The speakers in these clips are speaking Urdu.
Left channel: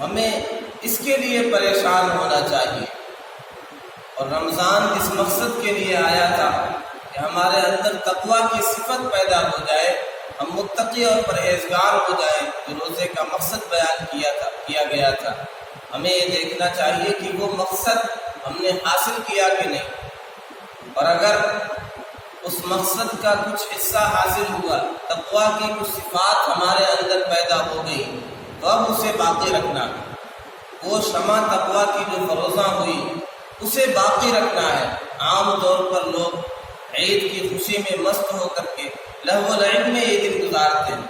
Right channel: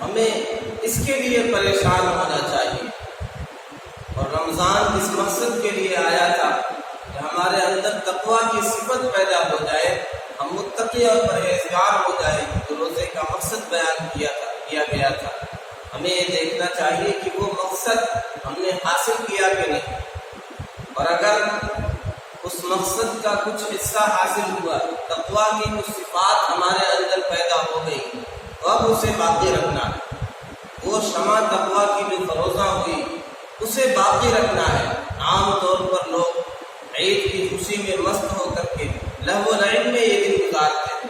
ہمیں اس کے لیے پریشان ہونا چاہیے۔ اور رمضان اس مقصد کے لیے آیا تھا کہ ہمارے اندر تقویٰ کی صفت پیدا ہو جائے، ہم متقی اور پرہیزگار ہو جائیں، جو روزے کا مقصد بیان کیا گیا تھا۔ ہمیں یہ دیکھنا چاہیے کہ وہ مقصد ہم نے حاصل کیا کہ نہیں، اور اگر اس مقصد کا کچھ حصہ حاصل ہوا، تقویٰ کی کچھ صفات ہمارے اندر پیدا ہو گئی، تو اب اسے باقی رکھنا ہے۔ وہ شمع تقویٰ کی جو فروزاں ہوئی اسے باقی رکھنا ہے۔ عام طور پر لوگ عید کی خوشی میں مست ہو کر کے لہو و لعب میں یہ دن گزارتے ہیں،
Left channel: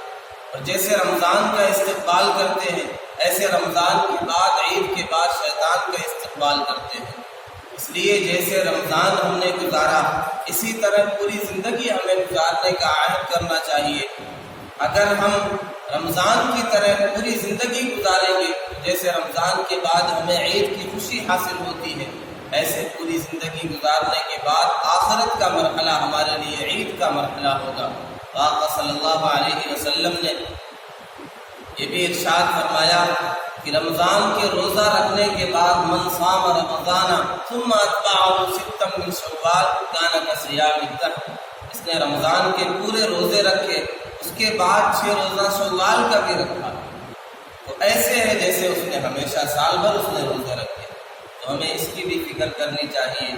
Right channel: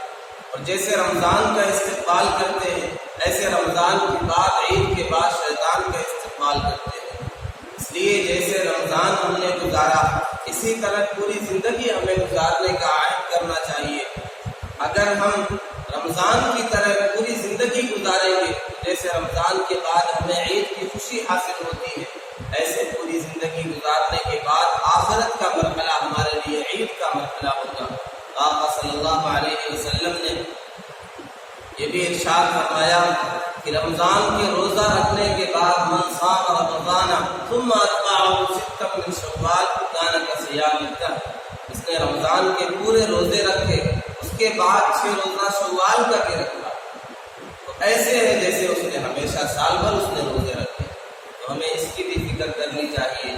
اور جیسے رمضان کا استقبال کرتے ہیں ایسے رمضان کے بعد، عید کے بعد شیطان کا استقبال کرتے ہیں۔ اس لیے جیسے رمضان ہم نے گزارا اسی طرح پوری زندگی ہمیں گزارنے کا عہد کرنا چاہیے۔ اگر ہم رمضان کی طرح پوری زندگی گزاریں گے، جیسے رمضان کے بعد ہمیں عید کی خوشی حاصل ہوتی ہے، ایسے پوری زندگی گزارنے کے بعد آخرت کا مرحلہ ہمارے لیے عید کا مرحلہ ہوگا۔ آقا صلی اللہ علیہ وسلم نے یہ بھی ارشاد فرمایا کہ رمضان کے روزہ رکھنے کے بعد من صام رمضان ثم اتبعه ستا من شوال كان كصيام الدهر، اس نے رمضان کے پورے روزے رکھے، اس کے بعد 6 روزہ شوال کا بھی رکھا، تو ایسے ہے جیسے اس نے ہمیشہ سال بھر اس نے روزے رکھے۔ تو ہمیں اس کی بھی فکر کرنی چاہیے،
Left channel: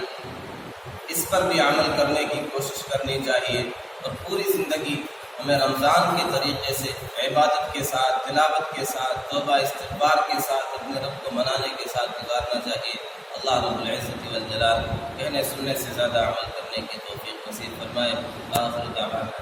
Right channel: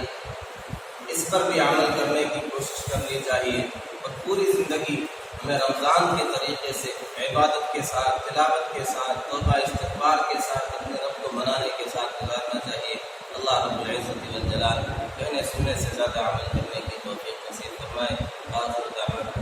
اس پر بھی عمل کرنے کی کوشش کرنی چاہیے، اور پوری زندگی ہمیں رمضان کے طریقے سے عبادت کے ساتھ، تلاوت کے ساتھ، توبہ استغفار کے ساتھ، اپنے رب کو منانے کے ساتھ گزارنا چاہیے۔ اللہ رب العزت والجلال کہنے سننے سے زیادہ عمل کرنے کی توفیق نصیب فرمائے۔ آخر دعوانا